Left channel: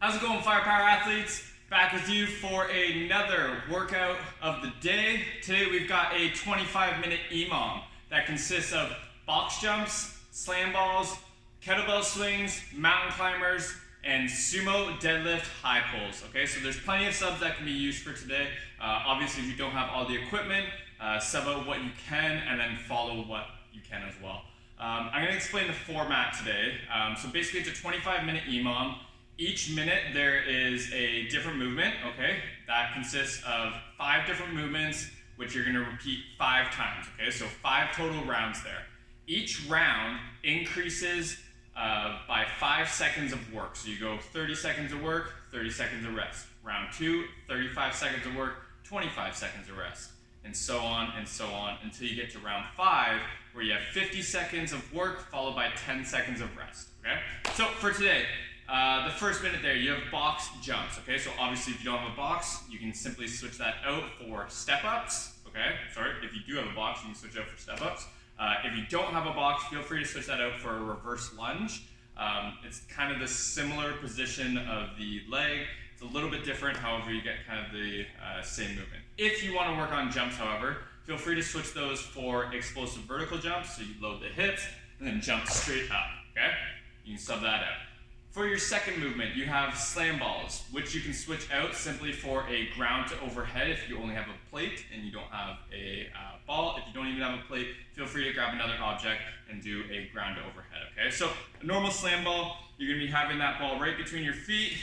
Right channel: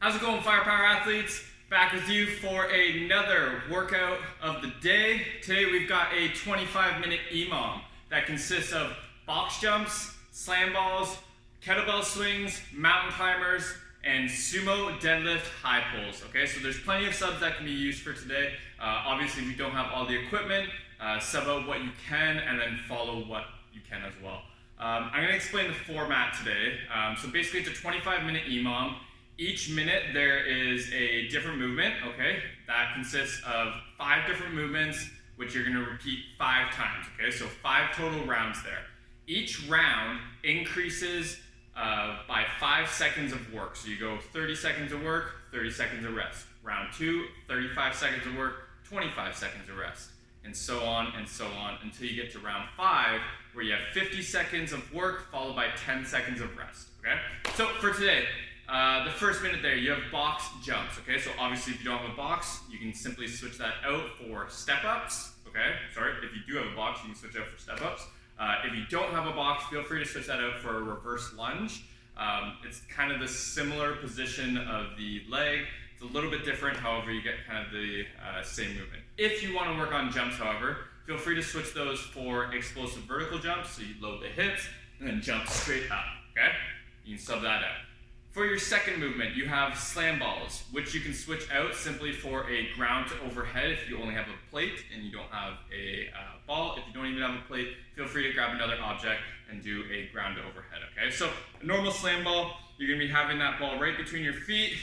How's it going, FirePower athletes? Back with you for another workout of the day. Today we've got a 25-minute EMOM that consists of box jumps, slam balls, kettlebell swings, mountain climbers, and sumo deadlift high pulls. Okay, so there's plenty of subs that can be used for today. Obviously, if you don't have all the equipment, sub out what you can and then follow what you can as well. I'm going to explain the format today. So basically, it's a 25-minute EMOM. Each minute there is a different movement, okay? That consists of 5 different movements, which you're gonna repeat 5 times, okay? So 5 total rounds there. Each round increases by 5 seconds of work. So you go 30 seconds of work, 30 seconds of rest. Round 2, 35 seconds of work, 25 seconds of rest. And so on until you get to round 5, where you have 50 seconds of work followed by 10 seconds of rest, okay? So for today, the first minute there, you have box jumps, okay? So obviously if you don't have a box, you can simply switch that out for step-ups, okay? Sorry, if you do have a box, you can switch out for step-ups. If you don't have a box, feel free to switch that out for a reverse lunge. It's kind of the similar position of the leg. It's a little bit different, however, you get kind of the same movement. If you want to work on jumps, however, feel free to switch those for explosive vertical jumps, so you load the hips and then jump straight up, okay? You can sub that out. For your second movement, you have slam balls, which you can switch out simply for a ground to overhead if you only have a plate and you don't have a ball. If you don't even have a plate, feel free to grab another object and do a ground to overhead, okay? So a normal slam ball, you're gonna be having that ball right between your feet,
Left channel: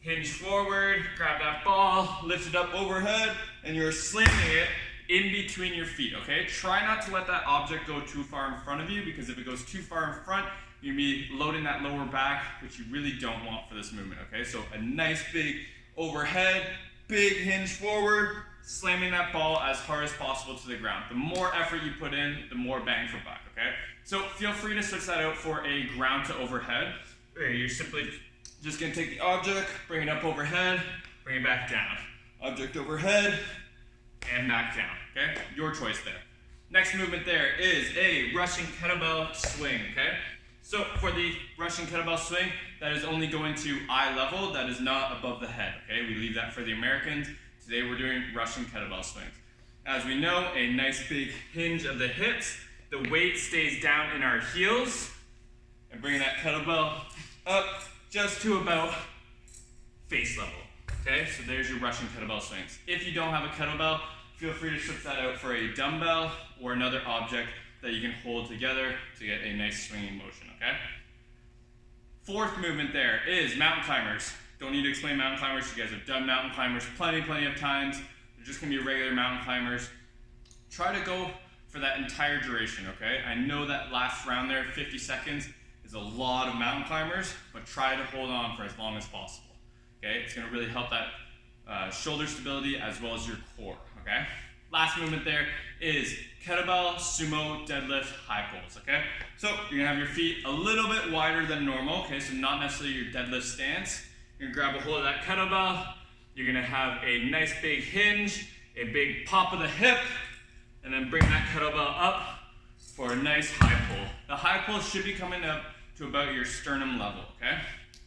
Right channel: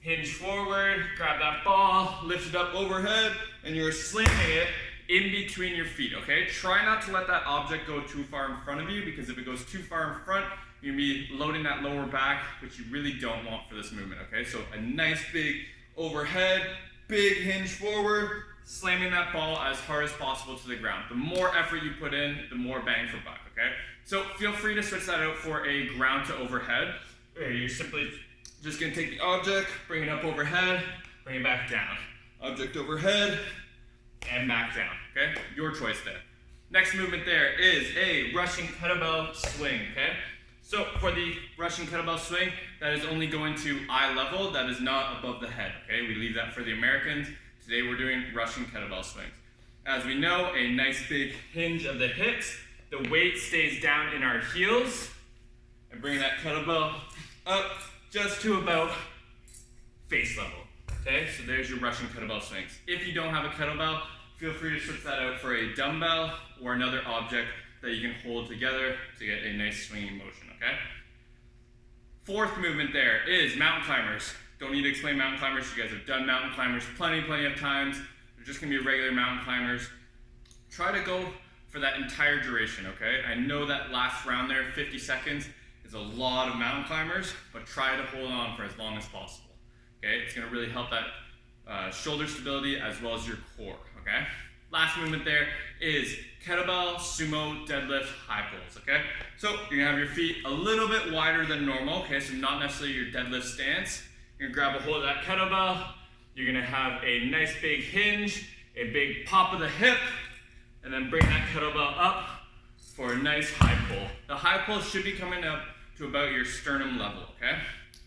hinge forward, grab that ball, lift it up overhead, and you're slamming it in between your feet, okay? Try not to let that object go too far in front of you, because if it goes too far in front, you're gonna be loading that lower back, which you really don't want for this movement, okay? So a nice big overhead, big hinge forward, slamming that ball as hard as possible to the ground. The more effort you put in, the more bang for buck, okay? So feel free to switch that out for a ground to overhead, where you're simply just gonna take the object, bring it up overhead, bring it back down. Object overhead, and back down, okay? Your choice there. Next movement there is a Russian kettlebell swing, okay? So for the Russian kettlebell swing, that is only going to eye level, that is not above the head, okay? We leave that for the Americans. Today we're doing Russian kettlebell swings. As we know, a nice big hinge of the hips, the weight stays down in our heels, and bring that kettlebell up just to about face level, okay? So there's your Russian kettlebell swings. If you don't have a kettlebell, feel free to switch that out for a dumbbell or another object that you can hold together to get a nice swinging motion, okay? Fourth movement there is mountain climbers. Don't need to explain mountain climbers. You guys have done mountain climbers plenty of times. They're just gonna be regular mountain climbers. Try to go for that entire duration, okay? I know that last round there, 50 seconds, is a lot of mountain climbers, but try to hold on for as long as possible, okay? It's gonna really help that shoulder stability as well as your core, okay? Last movement there is kettlebell sumo deadlift high pulls, okay? So you're gonna have your feet a little bit wider than normal, okay? So not necessarily your deadlift stance. You're gonna grab a hold of that kettlebell. You're gonna have a nice big hinge, a big pop of the hip, and then bring that kettlebell up for a nice high pull. The high pull should be coming up to about your sternum level, okay?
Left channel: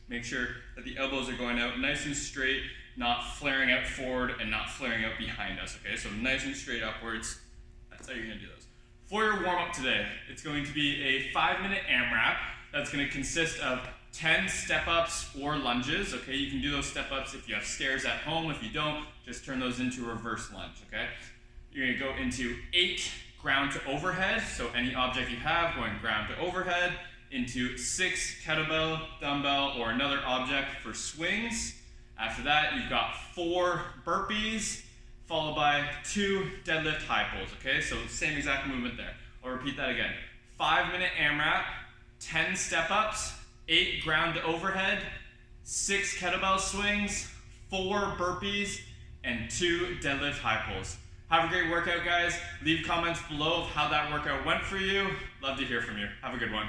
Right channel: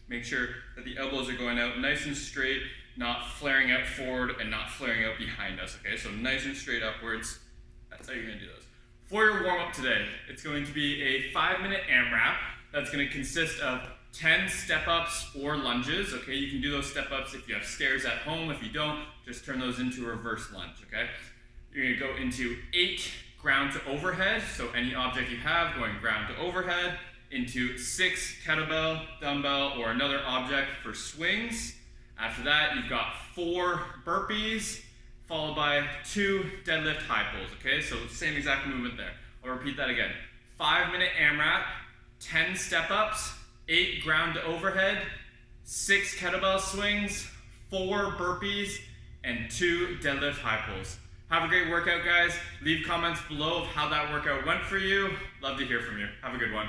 Make sure that the elbows are going out nice and straight, not flaring out forward and not flaring out behind us, okay? So nice and straight upwards. That's how you're gonna do those. For your warm-up today, it's going to be a 5-minute AMRAP that's gonna consist of 10 step-ups or lunges, okay? You can do those step-ups if you have stairs at home. If you don't, just turn those into a reverse lunge, okay? You're gonna go into 8 ground to overhead, so any object you have going ground to overhead, into 6 kettlebell, dumbbell, or another object for swings. After that, you've got 4 burpees, followed by 2 deadlift high pulls, okay? So same exact movement there. I'll repeat that again. 5-minute AMRAP, 10 step-ups, 8 ground to overhead, 6 kettlebell swings, 4 burpees, and 2 deadlift high pulls. Have a great workout, guys. Leave comments below of how that workout went for you. Love to hear from you. Have a good one.